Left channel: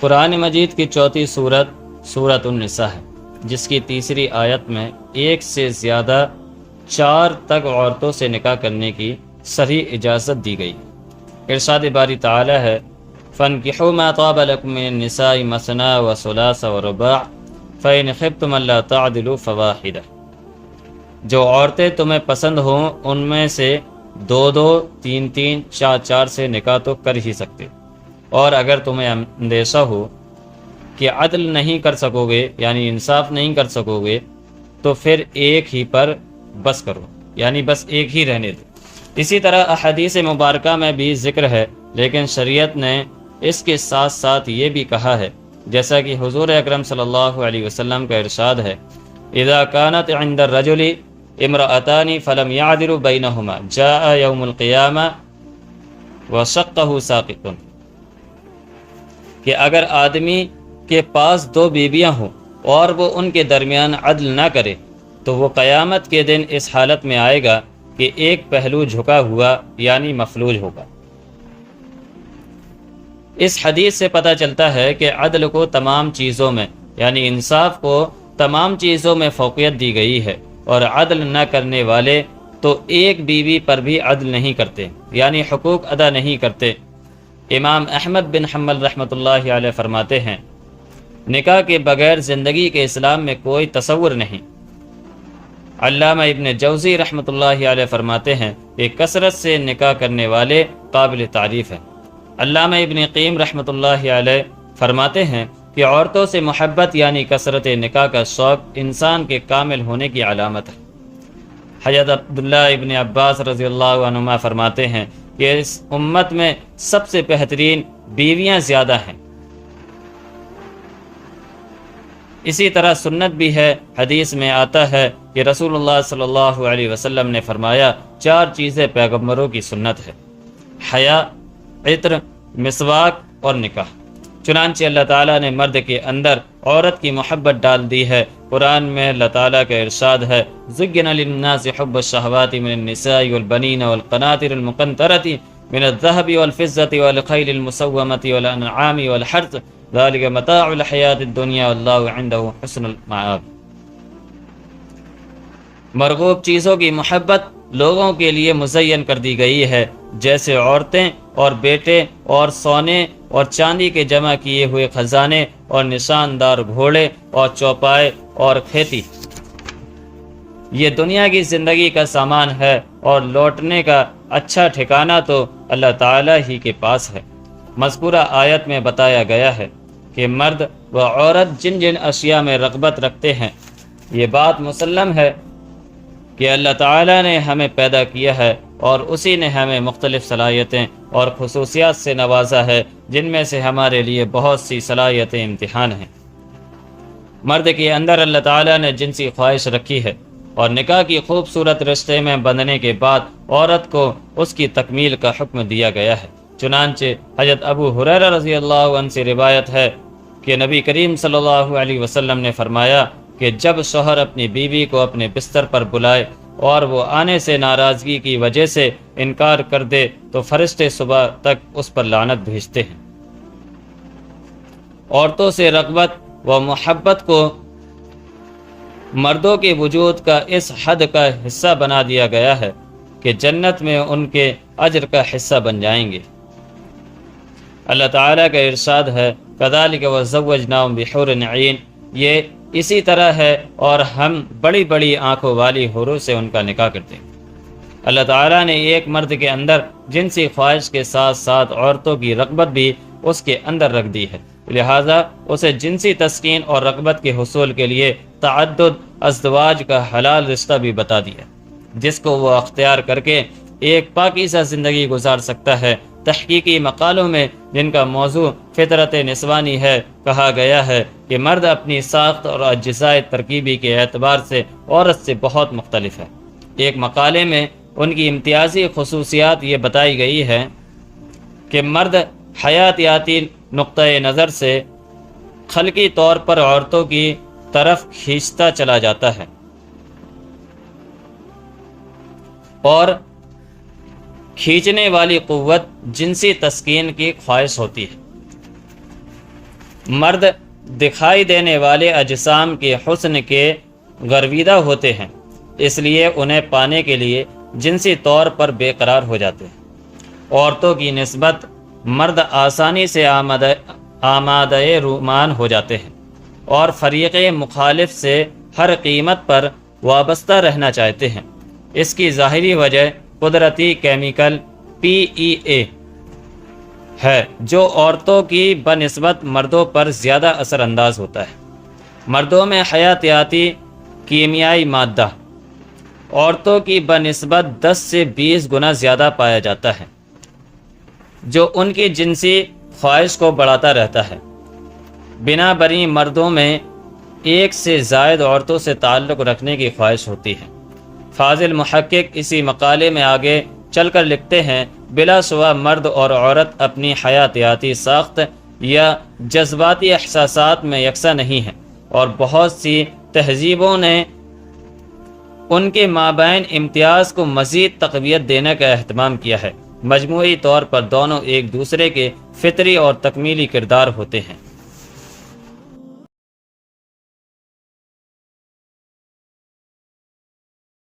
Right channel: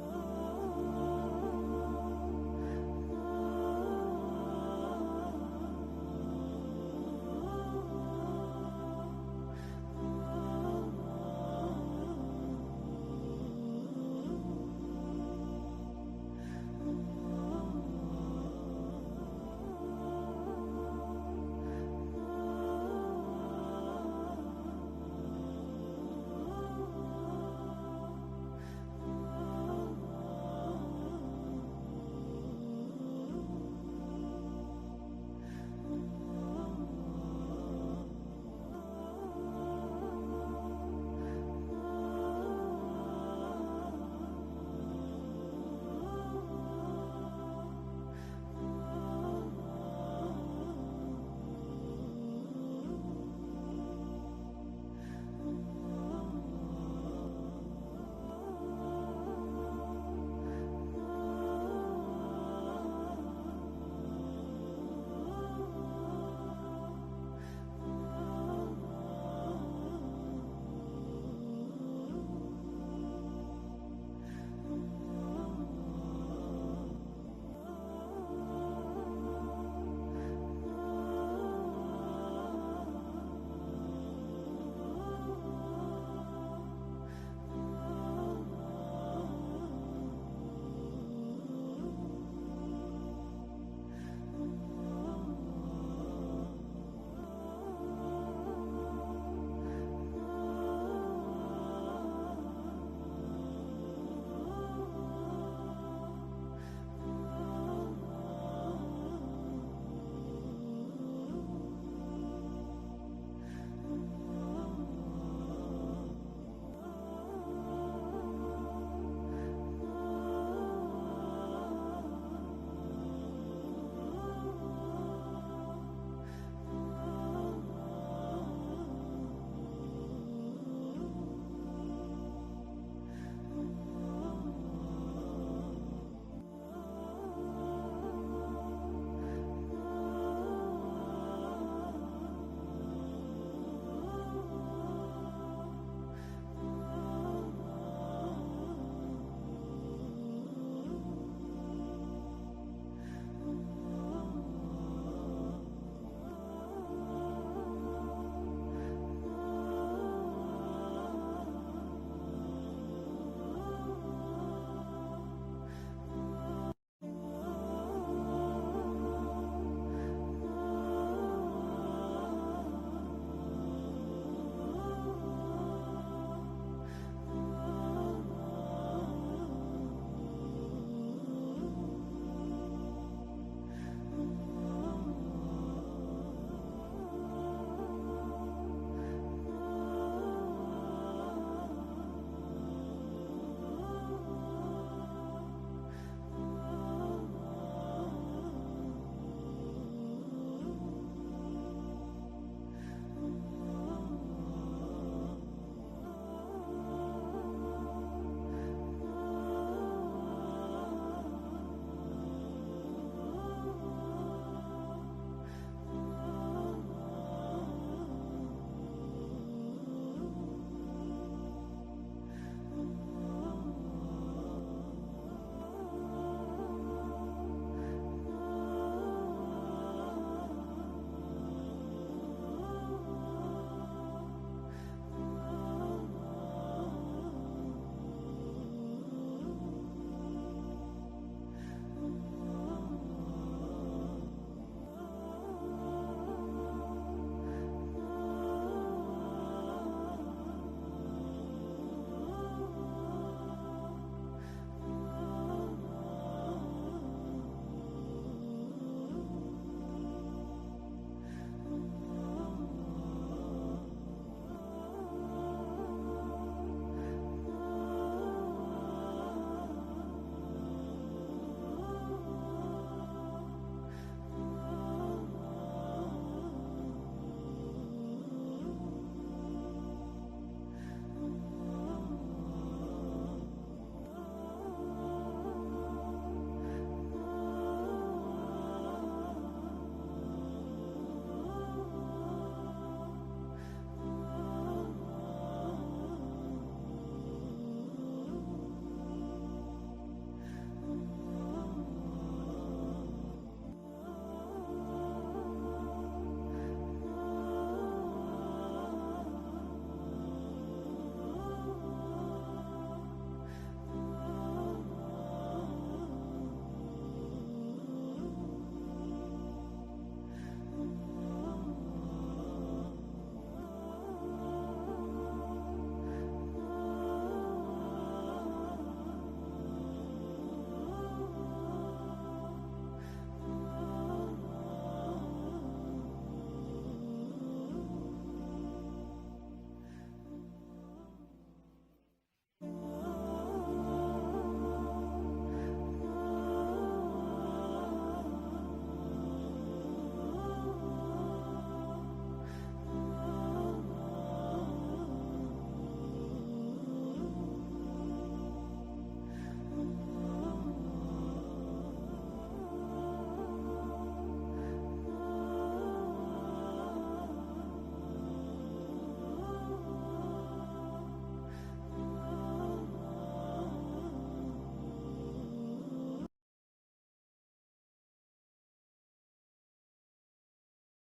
قرآن مجید کی چوتھی سورت سورۃ النساء ہے، جس کی تیسری آیت میں ایک سے زیادہ 4 تک عورتوں سے نکاح کرنے کی صریح اجازت دی گئی۔ ارشاد باری تعالی ہے فَانْكِحُوا مَا طَابَ لَكُم مِّنَ النِّسَاءِ مَثْنَىٰ وَثُلَاثَ وَرُبَاعَ فَإِنْ خِفْتُمْ أَلَّا تَعْدِلُوا فَوَاحِدَةً، جو عورتیں تمہیں پسند ہوں ان میں سے 2 3 4 سے نکاح تو کر ہی سکتے، اور اگر تمہیں اندیشہ ہو کہ عدل نہیں کر سکو گے، یعنی انصاف نہیں کر سکو گے، تو پھر ایک ہی پر بس کرو، یعنی بس ایک ہی رہنے دو۔ اسی طرح احادیث مبارکہ میں بھی ذکر ہے، لیکن شریعت نے اس کے ساتھ ساتھ یہ بھی کہا ہے، جیسا کہ حضور اکرم صلی اللہ علیہ وسلم کا ارشاد ہے اذا كانت عند الرجل امرأتان فلم يعدل بينهما جاء يوم القيامة وشقه ساقط، کہ اگر آدمی کے پاس 2 بیویاں ہوں اور وہ ان کے درمیان عدل نہ کرے تو وہ قیامت کے دن اس حالت میں آئے گا کہ ایک پہلو جھکا ہوا یعنی مفلوج ہوگا۔ اس حدیث سے پتہ چلتا ہے کہ عدل کو تمام چیزوں میں، یعنی انصاف کو تمام چیزوں میں فوقیت دی گئی ہے، اور عدل نہ کرنے والے تو ایک بیوی پر بھی عدل نہیں کرتے، یعنی حقوق ادا نہیں کرتے۔ امام احمد بن حنبل رحمۃ اللہ علیہ فرماتے ہیں نکاح کے بغیر زندگی کے اسلام میں کوئی تصور نہیں۔ علامہ ابن جوزی رحمۃ اللہ علیہ فرماتے ہیں کہ کثرت سے نکاح کرنے والے قابل تعریف ہیں۔ علامہ ابن قیم رحمۃ اللہ علیہ فرماتے ہیں کہ عورتوں سے محبت یعنی کثرت نکاح کا شوق انسان کے کامل ہونے کی علامت ہے۔ حضرت عبداللہ ابن عباس رضی اللہ عنہما فرماتے ہیں کہ اس امت میں سب سے بہترین بیویاں زیادہ ہیں۔ اسی طرح سنت بھی ہے، حدیث میں آتا ہے کہ رسول اللہ صلی اللہ علیہ وسلم نے فرمایا 4 چیزیں پیغمبروں کی سنت ہے: حیا، عطر، مسواک اور نکاح۔ چنانچہ اللہ تعالیٰ نے مرد کے اندر عورت کی محبت ڈال دی ہے۔ قرآن میں اللہ تعالیٰ کا ارشاد ہے زُيِّنَ لِلنَّاسِ حُبُّ الشَّهَوَاتِ مِنَ النِّسَاءِ وَالْبَنِينَ وَالْقَنَاطِرِ الْمُقَنطَرَةِ مِنَ الذَّهَبِ وَالْفِضَّةِ وَالْخَيْلِ الْمُسَوَّمَةِ وَالْأَنْعَامِ وَالْحَرْثِ ذَلِكَ مَتَاعُ الْحَيَاةِ الدُّنْيَا وَاللَّهُ عِندَهُ حُسْنُ الْمَآبِ۔ مرغوب چیزوں کی محبت لوگوں کے لیے مزین کر دی گئی ہے، جیسے عورتیں اور بیٹے اور سونے اور چاندی کے جمع کیے ہوئے خزانے اور نشاندار گھوڑے اور چوپائے اور کھیتی۔ یہ دنیا کی زندگی کا سامان ہے، اور لوٹنے کا اچھا ٹھکانہ تو اللہ تعالیٰ ہی کے پاس ہے۔ مذکورہ آیت میں بتایا گیا ہے کہ مرد و عورت جن جن اشیاء میں رغبت رکھتے ہیں، یہ بات مسلم ہے کہ اللہ تعالیٰ نے ہمیں پیدا کیا ہے اور اسی نے ہمیں مختلف صلاحیتیں اور خصوصیات سے نوازا ہے، جن میں سے ہمارے لیے بہت سی صلاحیتیں امتحان ہیں۔ مرد کے اندر اللہ تعالیٰ نے جنسی خواہش رکھی ہے، اور نکاح کی خوبصورت رشتے میں بندھنے کے بعد عورت کو اس کی تکمیل کا حکم دیا گیا ہے۔ چنانچہ حضرت ابو ہریرہ رضی اللہ عنہ سے روایت ہے کہ نبی کریم صلی اللہ علیہ وسلم نے فرمایا کہ جب شوہر اپنی بیوی کو اپنے بستر پر بلائے اور وہ آنے سے ناراضگی کی وجہ سے انکار کر دے تو فرشتے صبح تک اس پر لعنت بھیجتے ہیں۔ عورتوں سے رغبت و محبت کو مردوں کے وجود کا اس حد کا حصہ بنا دیا گیا ہے کہ جنت میں ان کے اجر کا حصہ بن جائیں گے۔ اللہ تعالیٰ کا ارشاد ہے كَذَلِكَ وَزَوَّجْنَاهُمْ بِحُورٍ عِينٍ، یہ اسی طرح ہے اور ہم بڑی بڑی آنکھوں والی حوروں سے ان کا نکاح کرتے ہیں۔ اللہ تعالیٰ نے ایک مرد کے اندر جنسی خواہش کے ساتھ ساتھ عورتوں کی رغبت بھی اس کے اندر رکھ دی ہے، لہٰذا اسے جنسی تسکین اور رغبت کے حصول کے لیے تعدد ازدواج کا حلال رشتہ بھی بتا دیا، جس کو وہ اختیار کر کے ایک پاکیزہ زندگی گزار سکتا ہے۔ تحقیقی مقالوں میں جن کا موضوع فطرت نسوانی ہے کہا گیا ہے کہ مرد اپنی ساخت اور اجزاء ترکیبی کے اعتبار سے عورت سے بہت مختلف ہے۔ ایک مقالے میں ان کی امتیازی خصوصیات یہ بتائی گئی ہے کہ مرد حیاتیاتی نقطۂ نظر سے خلقی طور پر عورتوں کی طرف کھینچتا چلا جاتا ہے، اور کھینچنے والی قوت جنسی تسکین کی خواہش ہوتی ہے۔ مرد دکھائی دینے والے اجسام کے حسن کے گرویدہ ہوتے ہیں، اس لیے انہیں پانے کے لیے جنسی طور پر بے قرار ہو جاتے ہیں۔ عورتوں کی نسبت مرد آسانی سے آمادہ رومان ہو جاتے ہیں اور فریق مخالف سے ہر قیمت پر وابستہ رہنا چاہتے ہیں۔ اس کی ظاہری وجہ قدرتی کیمیکل PEA ہے جو عورتوں کی بنسبت مردوں پر زیادہ اثر انداز ہوتا ہے۔ مردوں میں حیاتیاتی کیمیائی مادہ عورتوں کی بنسبت 10 سے 20 گنا زیادہ پایا جاتا ہے، جو ان کی جنسی خواہش کو بڑھاتا رہتا ہے۔ بنا بری مردوں میں ایک سے زائد عورتوں سے تعلق رکھنے کی خواہش ہوتی ہے۔ فاضل محقق اسی مقالے میں آگے چل کر لکھتے ہیں، بلا شبہ مرد اور عورت اپنی حیاتیاتی ساخت یا جذباتی احساسات میں یکساں نہیں ہیں، اور بہت سی تہذیبوں نے ان کے مابین امتیاز کو مزید تقویت دینے کا اہتمام کیا ہے۔ مجموعی طور پر دونوں ایک دوسرے کے فطری اور تکمیلی کردار ہوتے ہیں۔